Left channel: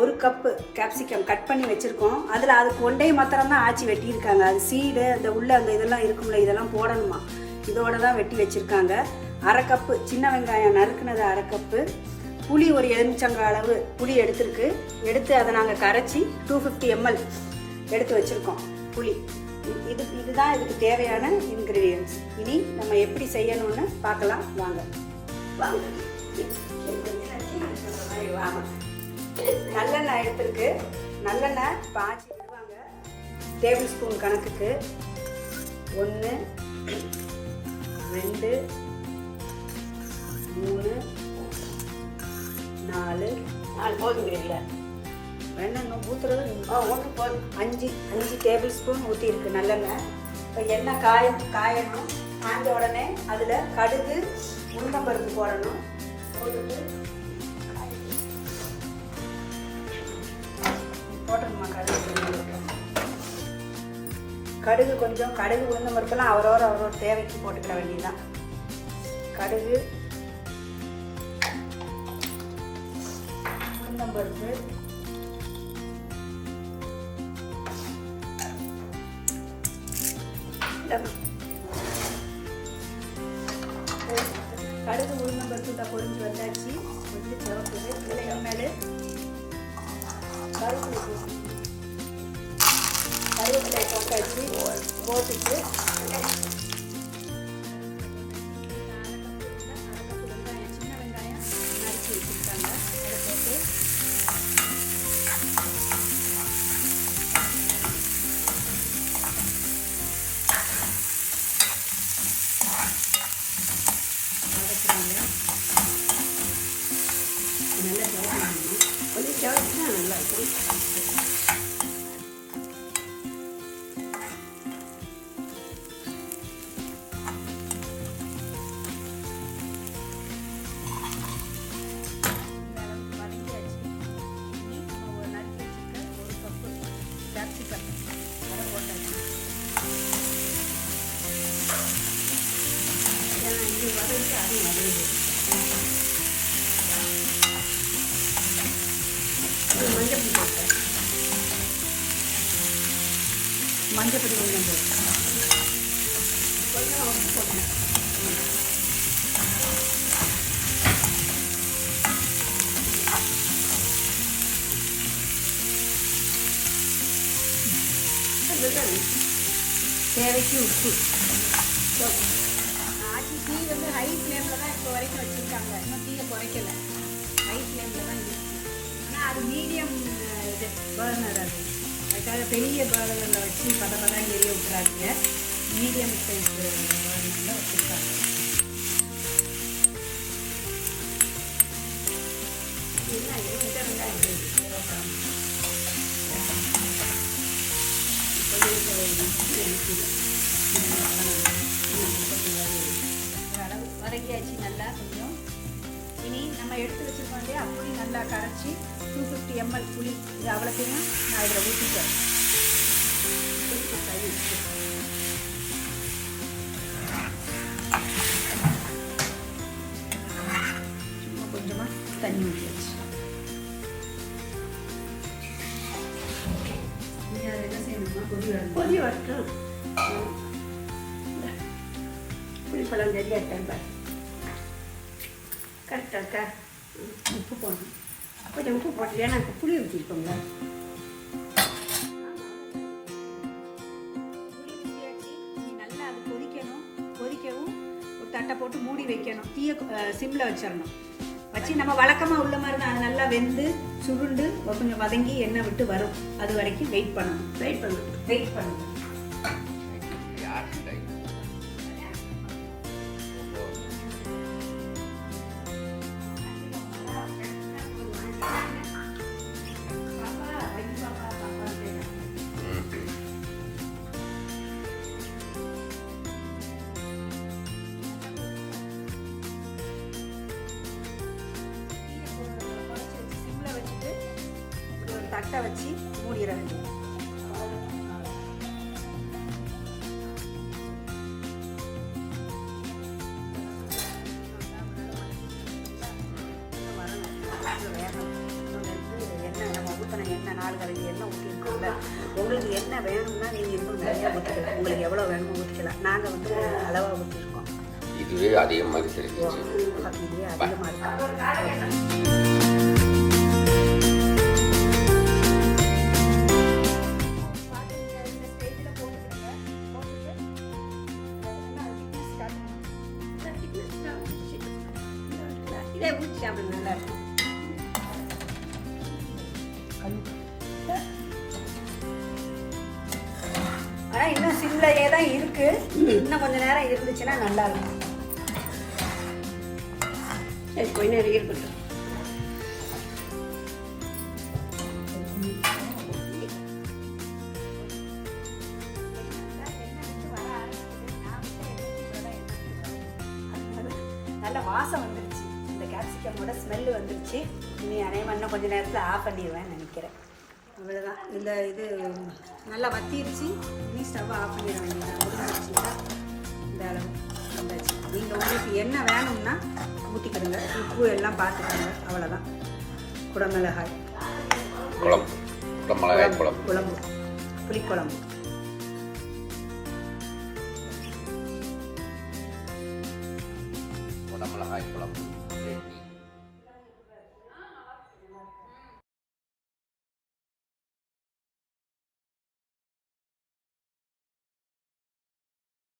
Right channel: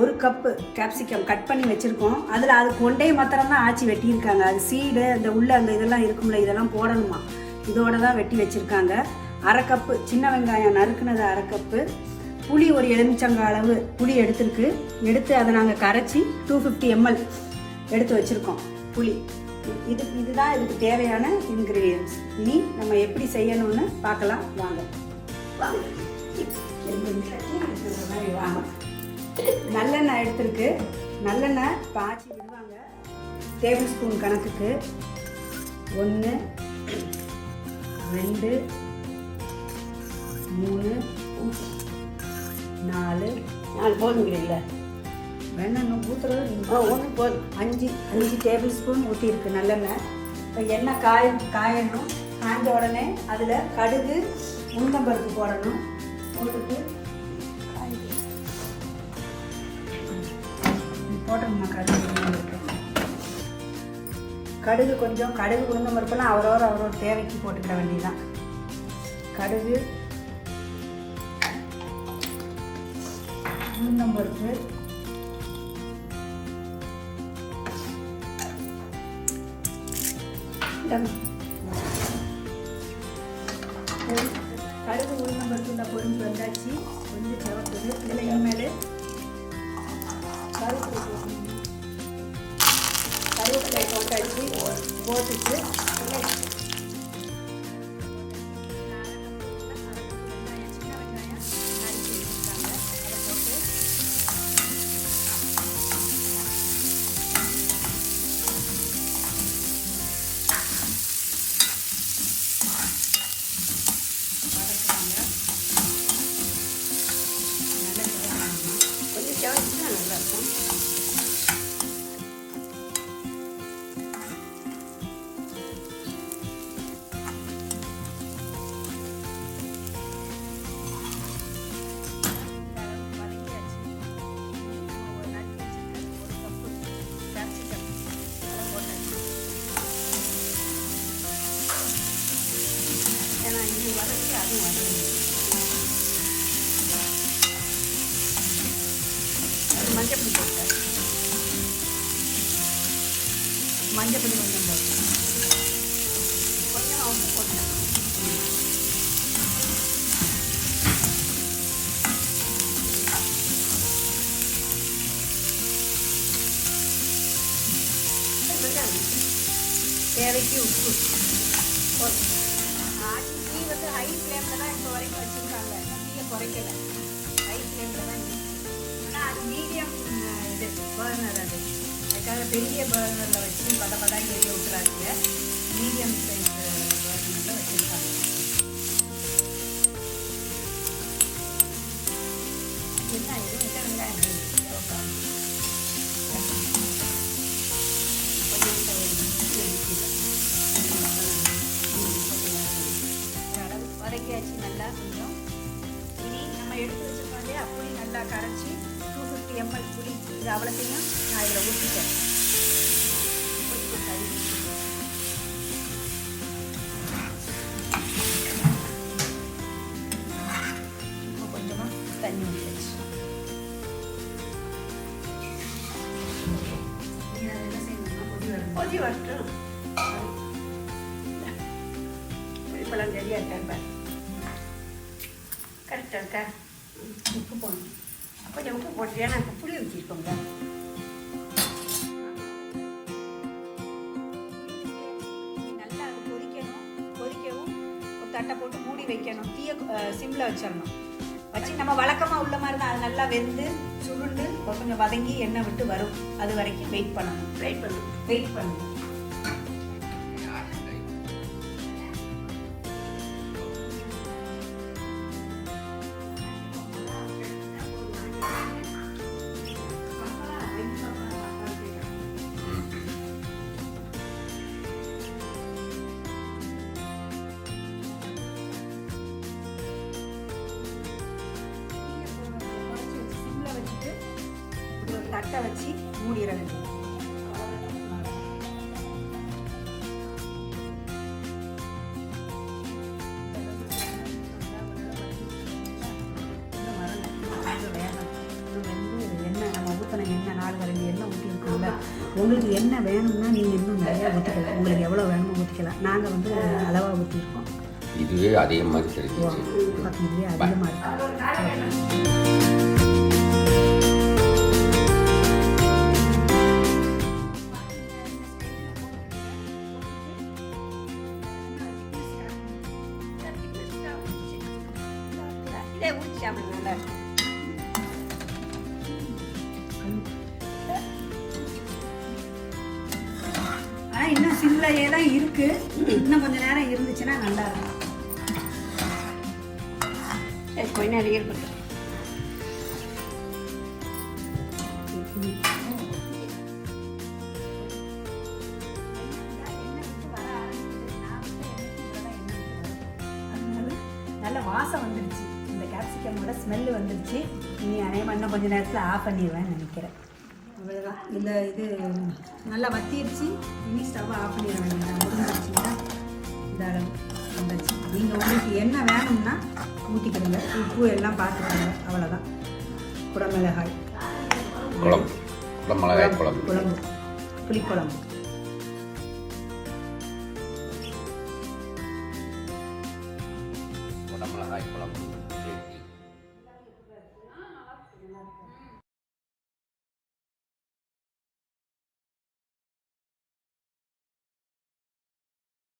1 cup capsicum cut பண்ணி வச்சுருக்கோம். அதில் அது கொண்டையை மாத்திரம் தான் ஆச்சி வெட்டியிருக்காங்க. அது சீடு அந்த உள்ள அந்த இதெல்லாம் இருக்கும்ல, இதெல்லாம் போடணுமா, இதோட தான் வெட்டி வச்சுருக்காங்க. 1/2 கப்பு சின்ன வெங்காயம் நறுக்குனது 1/2 கப்பு. புளி ஒரு எலுமிச்சங்காய் அளவு புளி எடுத்து அதை நாங்கள் கரைச்சி 250 ml எடுத்து வச்சுருக்கோம் புளி. இதுதான் இதுக்கு தேவையான இன்க்ரீடியன்ஸ். இனி நம்ம எப்படி செய்யணும்னு பார்க்கலாம். ஆமாம், நல்லெண்ணெய் எடுத்துருக்கு. நல்லெண்ணெய் பாய்ச்சி விடுவாங்க. டேபிள் ஸ்பூன் கணக்குக்கு 1 2 3 4 போதும் இல்லை, வெண்ணெய் ஊற்றுறது 1 போதும். 5 டேபிள் ஸ்பூன் ஊற்றிருக்கு நல்லெண்ணெய். இப்போ எண்ணெய் காயணும். காய்ந்த உடனே அதில் கடுகு உளுந்தம்பருப்பு போடணும். கடுகு கொஞ்சம் உளுந்தம் பருப்புலாம் அவரோட தேவைக்கு போட்டுக்கிற வேண்டியதான். கடுகு உளுந்தம் பருப்பு தேவைக்கு உப்பு. ஆச்சி டீ வந்து ஹை ஃப்ளேமில் தான் இப்போ வரைக்கும் வச்சுருக்காங்க. டீயை குறைக்கல, ஹை ஃப்ளேமில் தான் இருக்குது. ஆனால் அது மீடியம் இது பர்னர், அதுக்காக பெரிய பர்னரில் வச்சு பதப்பதான் எரிய வைக்கிறாங்க. மீடியம் கரெக்டாக இருக்கா? உப்பு போடணும். கொஞ்சம் உப்பு போட்டு ஏன்னா புளி ஊற்றிருக்கோங்க. நல்லா அது கொதிக்கவும் ஒரு தட்டை போட்டு மூடி வைக்கணும். தீயை சிம்மில் வச்சிடணும். வச்சு நம்ம வழக்கமாக உள்ள மாதிரி அது நல்லா வெந்து சுருண்டு கொஞ்சம் வதங்கி எண்ணெய் விட்டு வரும். அது வரைக்கும் வெயிட் பண்ணணும். உங்களுக்கு என்ன வேணும்னா நீங்கள் இன்னும் நிறையா ஊற்றிக்கலாம். உங்களுக்கு எவ்வளோ வேணுமோ ஊற்றிக்கலாம். நாங்கள் வந்து அளவாக ஊற்றிருக்கோம். இதுவே அதிகமாக இருக்குது. இதுவே அதிகமாக இருக்கும். இன்னும் சில்லையே தான் இருக்கு. இன்னும் கொஞ்ச நேரம் இருந்துச்சுன்னா நல்லா இருக்கும். நல்ல வாசம் வந்துருச்சு. இந்த கேப்சிகமோட ஸ்மெல்லு வந்துருச்சு. இனி அதே மாதிரி கொஞ்ச நேரத்தில் ஆஃப் பண்ணிடுவேன் நினைக்கிறேன். அவ்வளோதான். இந்த இது நல்லா வத்திருச்சு. இனி ஸ்டவ் ஆஃப் பண்ணிடுவேன். நீங்கள் உங்களுக்கு என்ன வேணும்னா ஊற்றிக்கணும். உப்பு எல்லாம் பார்த்து அவ்வளோதான். குடமிளகாய் குளம் குடமிளகாய் குளம்